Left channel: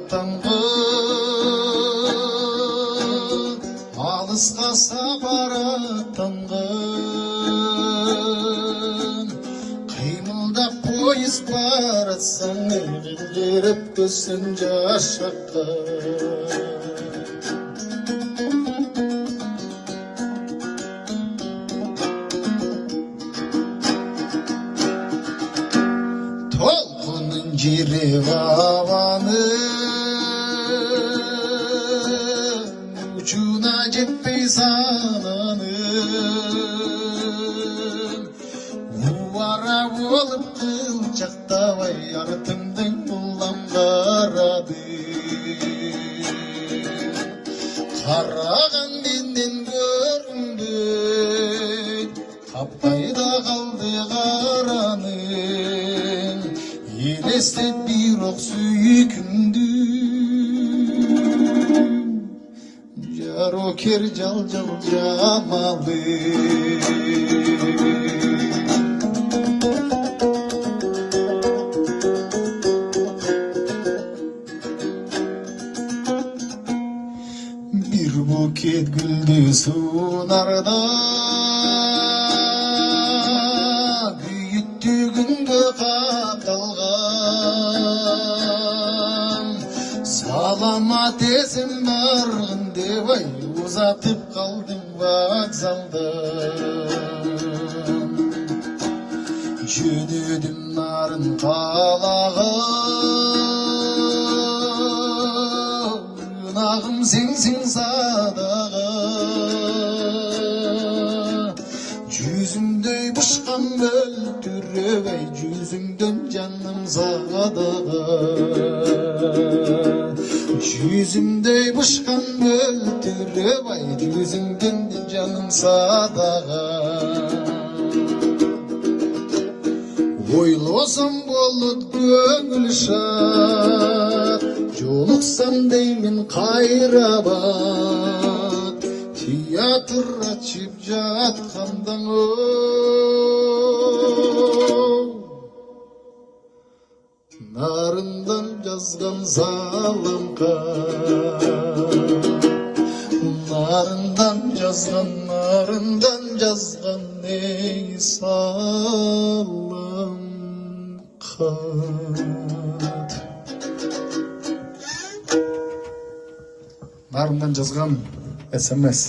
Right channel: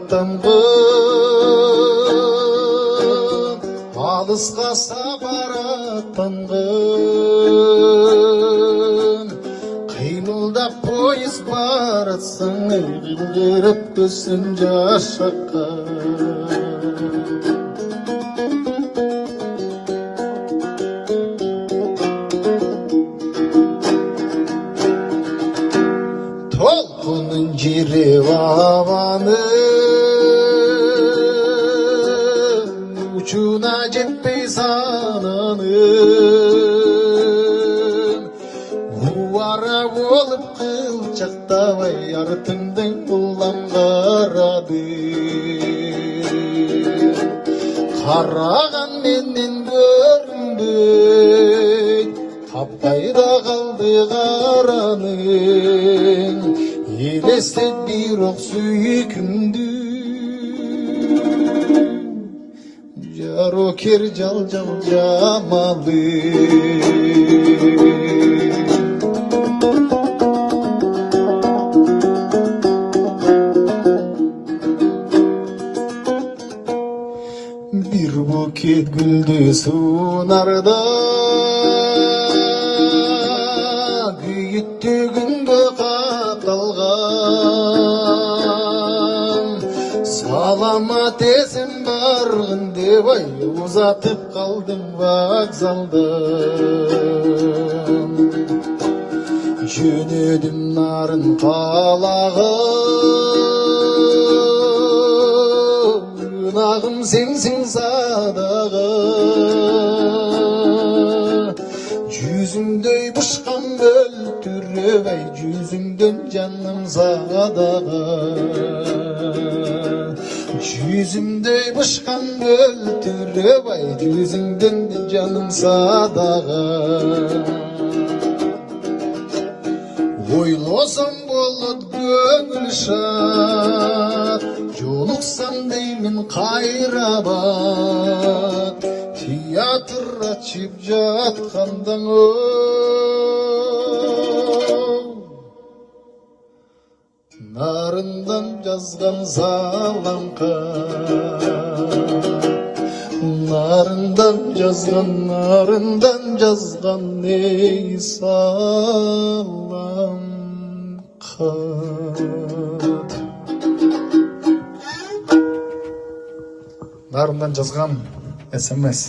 аттанғын, алысқа сапар аттанғын. Қимылдап поезд барытсын, беріп төсін жасаққа. Толқынын жиреп ауаның, учуна жетпей сананың. Уара болып қылшақтабай артыңдан құлан қарады. Қараған менден көрінбей, таппайда қалды қараның. Елестет бирок сүйкімді, жарокер жал-жал жамады. Bir buket gülді сунарда, күйіттігінде қаталған. Саламат есім барғын деп ай, ұзатып қалдым вокзалдан. Жөнедім нарын қалаға, нағым сенсің садаға. Жүзіңдей бұшқан өлтіріп ай, жүзіңден жаным садаға. Жүзіңдей бұшқан өлтіріп ай, жүзіңден жаным садаға. Ойласам болот көңіл шат, жолықсам деймін қайрабат. Театр açıp жатқандан нарындан жазған салам қат. Нарындан жазған ей салам қат. Нарындан жазған SMS.